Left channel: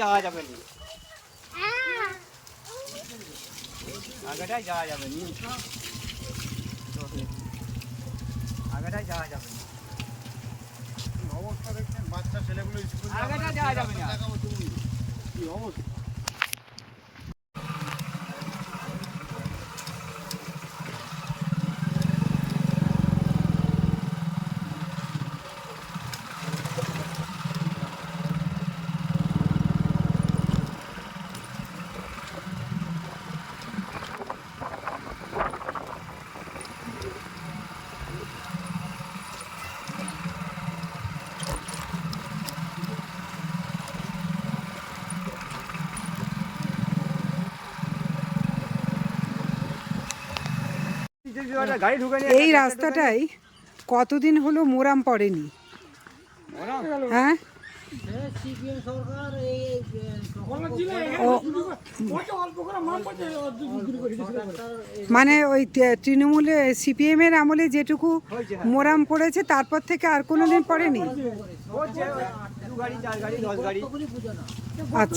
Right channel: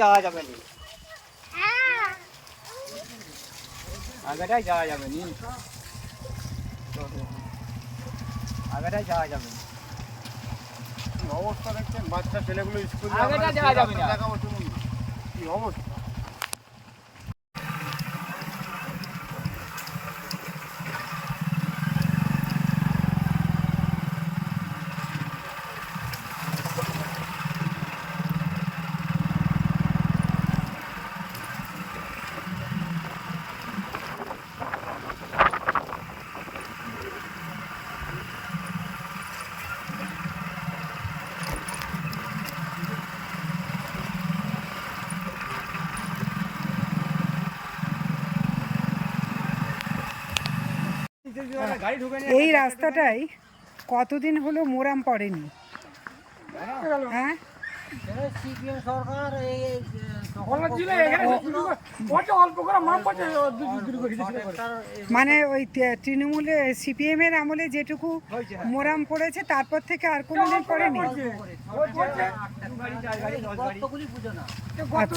যাওয়া যাবে না। আগেটাই যাওয়া যাবে নি। আগেটাই যাওয়া যাবে অবস্থা দেখছেন? বাচ্চা ছেলেগুলো স্কুল আগেটা যাওয়া যাবে না। কি অবস্থা? এই রাস্তাটাই কতদিন হলো মোরাম পড়েনি? হ্যাঁ? সিপিএম সরকার এই মানে ওই তৃণমূলে সিপিএম এর আমলে যেটুকু মোরাম পড়েছে তারপর থেকে আর কোনোদিন পড়েনি? দু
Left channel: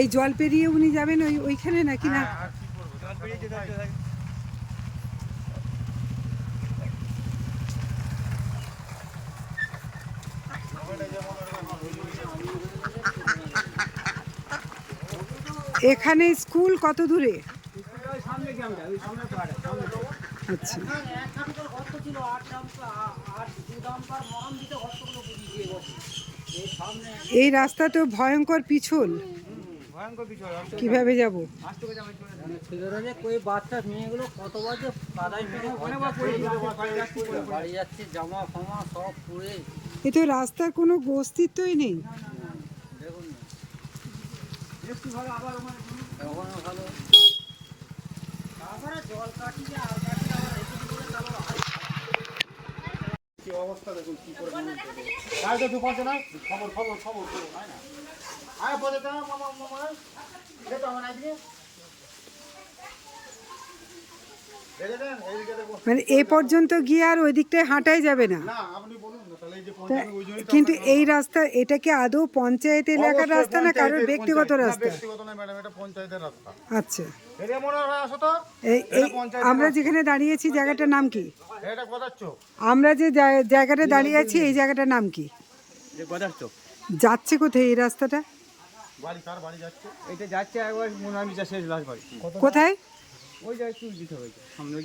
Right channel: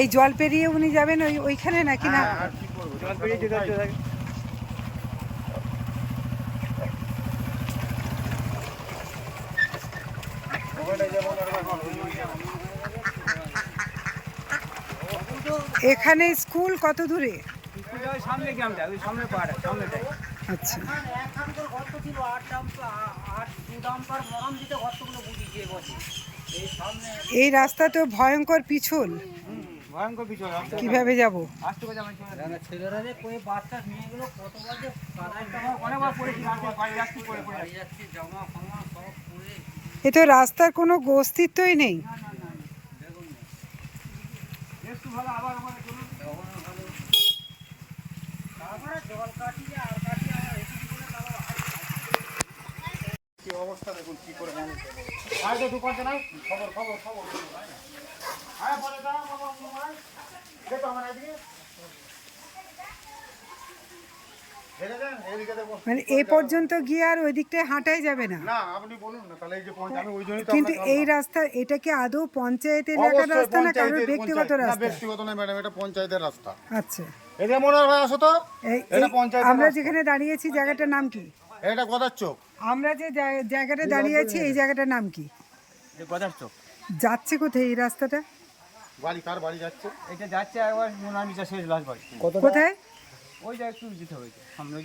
এই জল পেরিয়ে উনি যাবেন ওই ওইখানে নাকি না? আর কি করব? জল পেরিয়ে যেতে হচ্ছে তাকে। এখানে স্কুল কত দূরে? স্কুলটা সামনে গ্রামটা ওই সামনে সামনেটাই আচ্ছা। এই রাস্তা তো ভয়ঙ্কর পিছল ভয়ঙ্কর পিছল রাস্তা। কীভাবে যাব আস্তে করে যাবে, চলে যাবে। ছেলেরা যে কই বাচ্চা মেয়েগুলো কতবার যে কাদায় টাকা অনেকবার পড়েছি রাতে বাড়ি যাচ্ছি পড়ে পড়ে। বাড়ি যাচ্ছি জামা ফামা সব পুড়ে এ তো রাস্তার কোনো অস্তিত্বই নেই। একটু ভালো আবার ওখানে চলুন। তারপরে জল কাটিয়ে আর কাটিয়ে আবার এসে দিলে তারপর কি অবস্থা দেখুন কি করে মানুষ দেখো আয় তো দুপাশে নাই? খবর খবর খবর খবর না? আয় বলে মামা মামাই দেখো আমার এদিকে মানে এ পর্যন্ত গিয়ে আর ওই দিকটায় হাঁটাই যাবে না? না না কিন্তু এই রাস্তা এটা কি আদৌ পঞ্চায়েত এলাকার রাস্তা না কারোর ব্যক্তিগত রাস্তা? আচ্ছা। মনে হয় আমরা যেখানে দাঁড়িয়েছি জায়গাটার নাম কি? এটা কথার চোখ? আমরা যে জায়গাটা দাঁড়িয়ে আছি এই জায়গাটার নাম কি? যে গদার চোখ? যাচ্ছে কোথায় এই রাস্তাটা? বাড়ি কার বাড়ি যাচ্ছে? এটা যাচ্ছে একবার শেষ লাশ বাড়ি। কোথায়? ওই যা একটু যে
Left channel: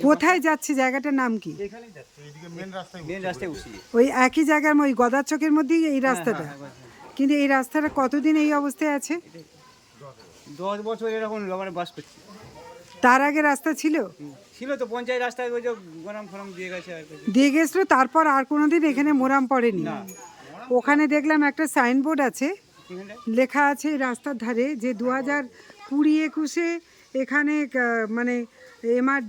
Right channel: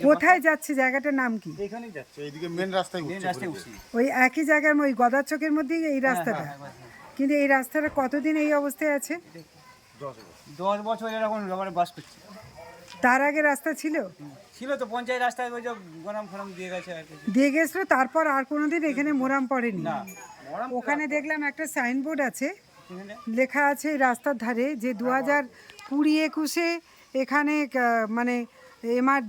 কোথায় যাচ্ছে জায়গাটার নাম কি? এখানেই যাচ্ছে এইদিকে মেন রাস্তায় মেন রাস্তায় উঠছি ওই একই জায়গার ওই গদার চকের মধ্যেই এই রাস্তাটা? কিন্তু এই রাস্তাটা কতদিন এই অবস্থায় আছে? দশ বছর। এরকম বাস করছি। তার আগে রাস্তা ছিল। ছিল তো পঞ্চায়েত রাস্তায় ওই যে গরম ফরম দিয়ে গেছে আর কি দিয়ে গেছিল তারপর আর কোনোদিন এখানে মোরাম পড়েনি। না। ওখানে দেখলাম একটা সাইনবোর্ড আছে লেখা আছে রাস্তার ধারে যে দু হাজার কুড়ি একুশে এখানে মানে এমআর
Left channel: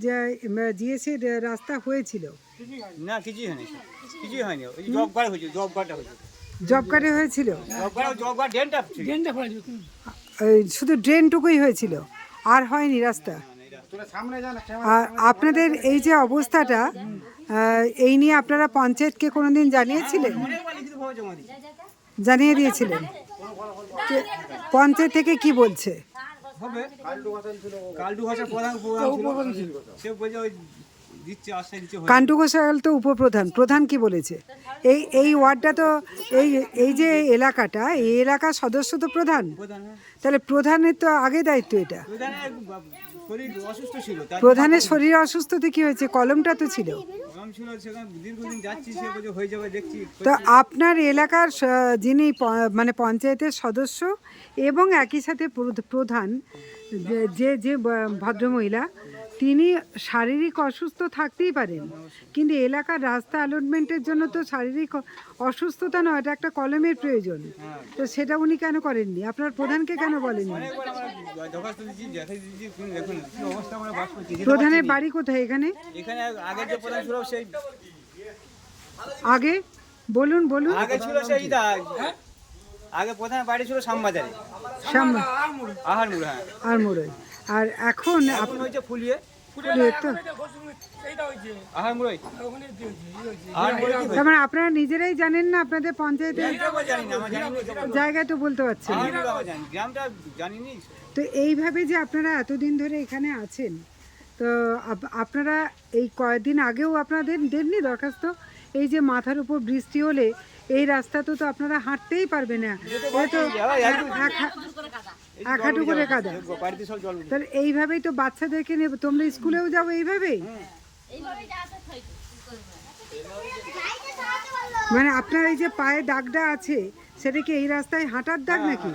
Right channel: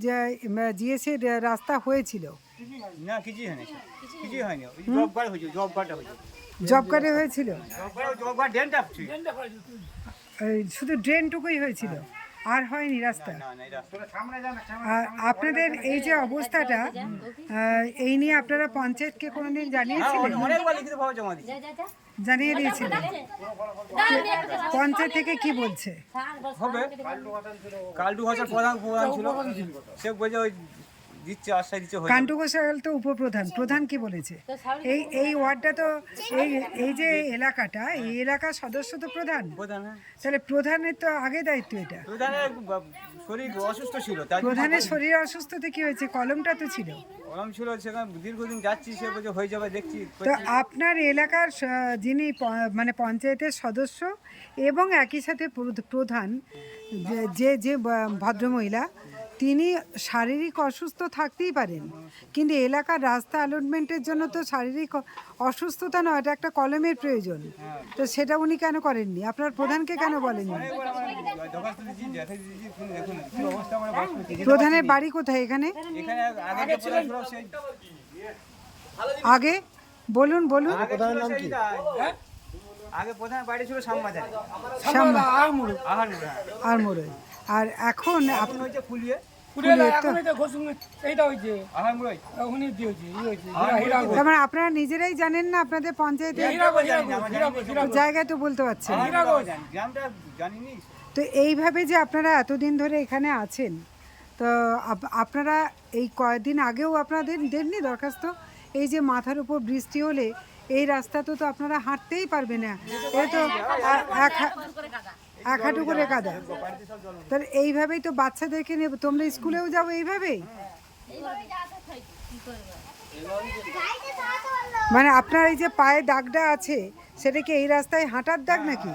জিএসের রাস্তা হয়েছিল। না কিছুই হয়নি কিছুই হয়নি। জব কার্ড জব কার্ডটা হয়েছে জব কার্ডে হয়েছিল? শুধু ড্রেনটুকুই হয়েছিল? আর হয়নি রাস্তা। আর আপনাদের এই যে অবস্থাটা এই নিয়ে আপনারা পঞ্চায়েতকে কোনোদিন জানিয়েছিলেন? জানিয়ে দিয়েছিলেন। পঞ্চায়েত থেকে কি বলছে? হবে। প্রধান ছিল। সে বলছে ওই দিচ্ছে আশ্বাস দিচ্ছে কান্টু ঘোষাল তো উপপ্রধান। প্রধান কি বলেছে? এই এই ওয়ার্ডটা তো এই এই যে এলাকাটা এই এলাকার সদস্য তো প্রধান। হ্যাঁ। তাহলে প্রধানের তো আগে দায়িত্ব এটা। প্রধানের শরীর অসুস্থ ছিল প্রধানের শরীর অসুস্থতে কি হয়েছে? কলমটা তো ছিল। গরম ছিল সেখানে দীর্ঘদিন যাচ্ছি সে বলছে হয়ে যাবে দেখছি তো আপনার এলাকার যিনি মানে পঞ্চায়েতের সদস্য এবং একই সাথে প্রধ- প্রধান যে- যে যে ভদ্রমহিলা তিনি শারীরিক অসুস্থ থাকতেই পারেন কিন্তু এলাকার রাস্তা অ্যালটমেন্টের জন্য তো শারীরিক অসুস্থতা নয় এটা একটা কলমের প্রয়োজন। তো সেটা উনি কেন করেননি? আপনার প্রধানকে কেন বলেননি? প্রধানের বাড়ি কোথায় এখানে? আগে? বলুন বলুন। আগে ছিল সেই দা আগে প্রধান বাড়ি ছিল শ্যামবাজারে শ্যামবা হ্যাঁ। আর আর এখন আপ- এখন হয়েছে ফুলিয়ে তার আপনারা নিজেরাই জানেন না আপনাদের পঞ্চায়েতে হয়েছে জানি না আমরা জানি না তো জায়গায় তো বলতে পারছেন তো এইভাবে যে আপনারা এতদিন ধরে এখানে আছেন তো আপ- আপনারা এই কয়েকদিন আগেও আপনাদের দেননি দরখাস্ত? এই যে মাথার উপর বৃষ্টি হলে এই রাস্তা তো তো আপনারা হাঁটতেই পারবে না। এ তো এক এক হাঁটু করে কাদা। তাহলে এইভাবেই তো বাচ্চাদেরকে নেবে। তোমরা স্কুলেও যাও এইভাবেই? মানে আপনার এই যে পায়ে দাগটা আছে, সেটা কি এই রাস্তায় হাঁটার দাগ নাকি?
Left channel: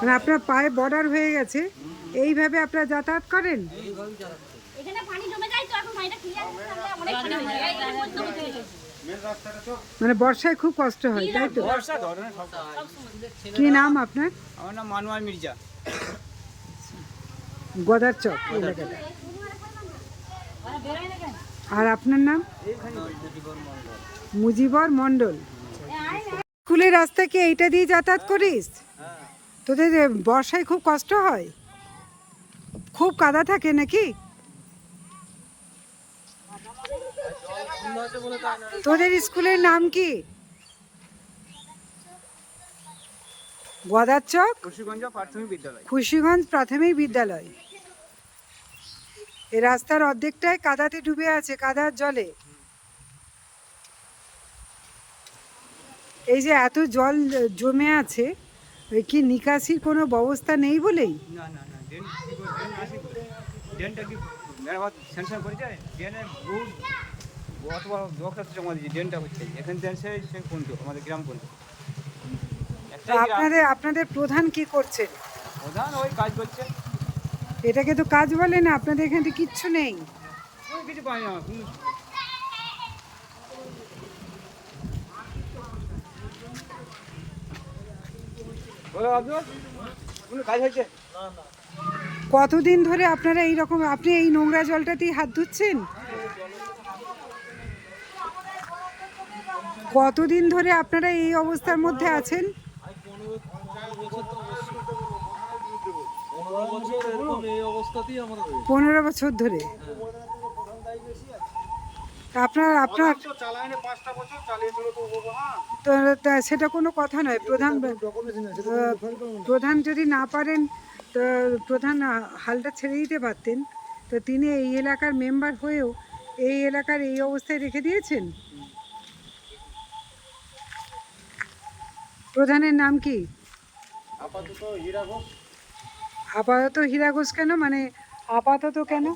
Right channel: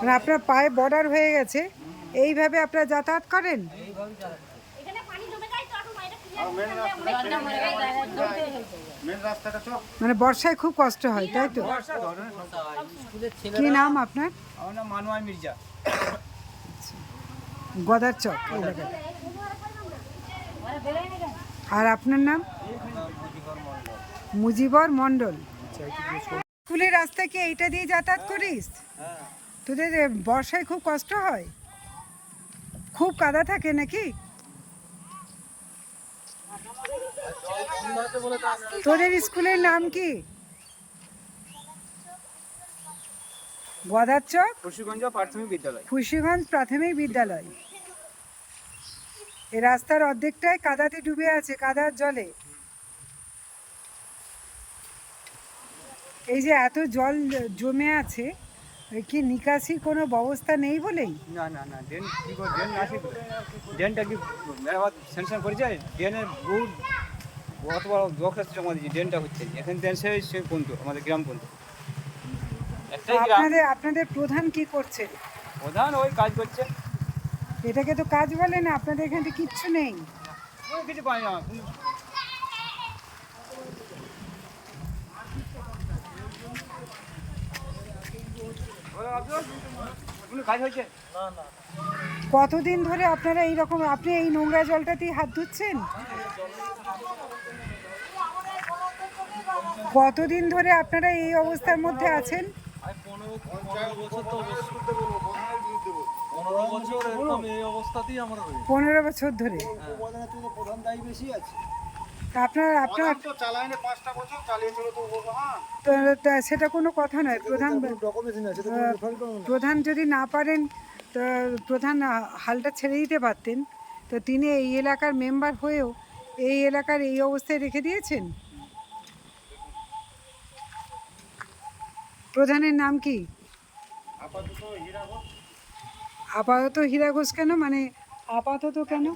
মানে আপনার পায়ে বর্ডার হয়ে গেছে। এইভাবে আপনারা যাতায়াত করেন এইভাবেই যাচ্ছে এখানে পানি জমে যায় তো এখন এটা ক্লিয়ার করতে অনেক পানি হয়ে যায় এই মধ্যে হয়েছে মেন মানে বর্ষায় খুব কষ্ট হয় তাই তো? কি নাম আপনার? আমার নাম মির্জা। গদার চক এলাকাটা আর আপনার নাম? মুজিবর মণ্ডল। মুজিবর মণ্ডল। স্কুলের রাস্তা কি এইটা দিয়ে যাতায়াত করিস? তোদের এ, বর্ষায় খুব কষ্ট হয়? খুব কাদা থাকে নাকি? তোদের স্কুলের নাম কি? খুশিগঞ্জ প্রাথমিক বিদ্যালয়। এই রাস্তার অর্ধেকটাই কাদাতে ডুবে আছে, কাদার জলে। এই যে এত জল জমে আছে কি নিকাশির কোনো ব্যবস্থা নেই বলেই? না না না অথবা দরখাস্ত জমা দিয়েছি ড্রেনটা হচ্ছে এখান থেকে সে সে আমাদের গ্রাম তো আপনাদের আপনাদের প্রধান কি করছে? প্রধান ওই কাজ করছে। এটাকে তো কাজ বলে না আপনাদের এখানে কিচ্ছু নেই। কিছু পাই না কতদিন ধরে আপনারা এই রকম আপনি এই নোংরা জলটাতেই হাত ধুচ্ছেন? কতদিন ধরে আপনারা এই অবস্থার মধ্যে আছেন? পনেরো বছর ধরে? হ্যাঁ। তা আপনার আপনার সেটা কোনো কথা নয়। প্রধান প্রধান যদি না পারেন তো প্রধান হালটা ছেড়ে দিতে পারতেন। তো তিনি এই এলাকার মেম্বার হয়েও এই এলাকার এই অবস্থায় রেখে দিয়েছেন? প্রধানের নাম কি? আপাতত হীরা ঘোষ। কেন? মানে আপাতত কেন?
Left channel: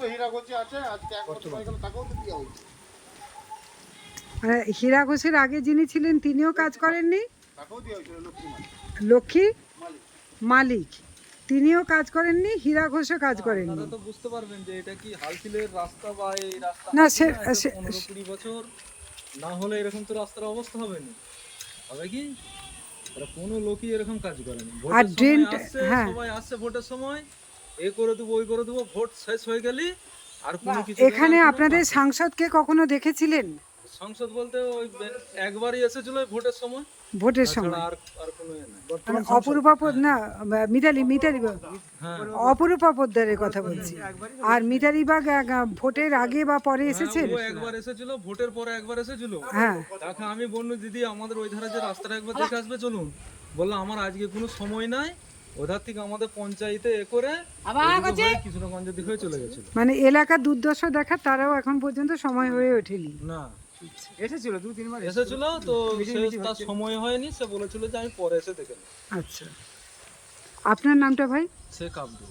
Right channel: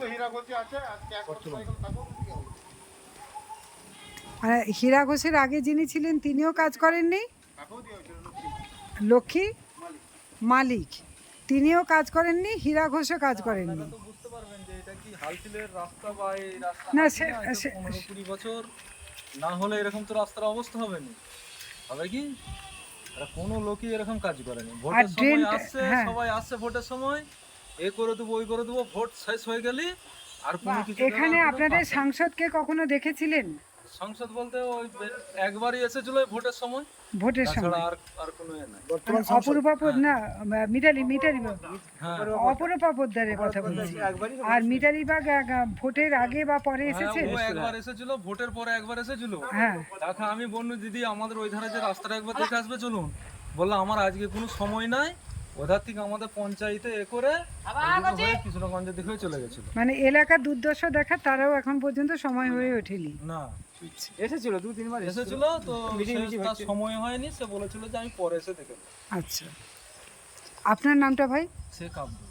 মানে হীরা ঘোষের আগে যিনি ছিলেন তিনিও কাজ করেননি? লক্ষ্মী মালিক। তিনিও কাজ করেননি হীরা ঘোষও কাজ করেননি। না, সে- বছর না হলে এরকম তো রাস্তার অবস্থা হবে না। হবে কি? কোনো লোকই এরকম কাজ করেনি। ভোটের সময় আসছে হ্যাঁ। সবাই আসছে ভোটের সময়। এ করে দেবো ওই করে দেবো ভোট শেষ হয়ে গেলে আর কোনো কিছু এখানে আপনাদের আপনাদের সাংসদকে কখনো দেখেছিলেন? সংসদ বলতে ওই একবারই এসেছিল ওই ভোটের সময়। ভোটের সময়। আর আর কোনো এ নাই। মানে অপরূপা পোদ- না মিতালি মিতালি হ্যাঁ। অপরূপা পোদ্দারের কথা বলছি। আর মিতালি বাগ ভোটের আগে বা পরে এসেছেন হ্যাঁ, ও একবার এসেছিল ভোটের পরে একবার এসেছিল। হ্যাঁ। দেখা আমি বন্ধু দিদি আমাদের ওই ধারে যে রাস্তাটা একবার দেখে আসবে চলুন। বললাম আমার আজকে কোনো সময় নাই ওধার থেকে আমাদের পঞ্চায়েতে এ করে কৃষ্ণগঞ্জের দিকে হয়ে চলে গেছিল। মানে এলাকার দুর্দশা দেখা তারাও এখন পর্যন্ত সময় হয়ে ওঠেনি। না। এসেছিল দু তিনবার এসেছিল। তো তার সময় হয়নি সে বলেছিল যে আমি পরে এসে দেখে আচ্ছা। আপনার নামটা ভাই? শেখ আব্দুল।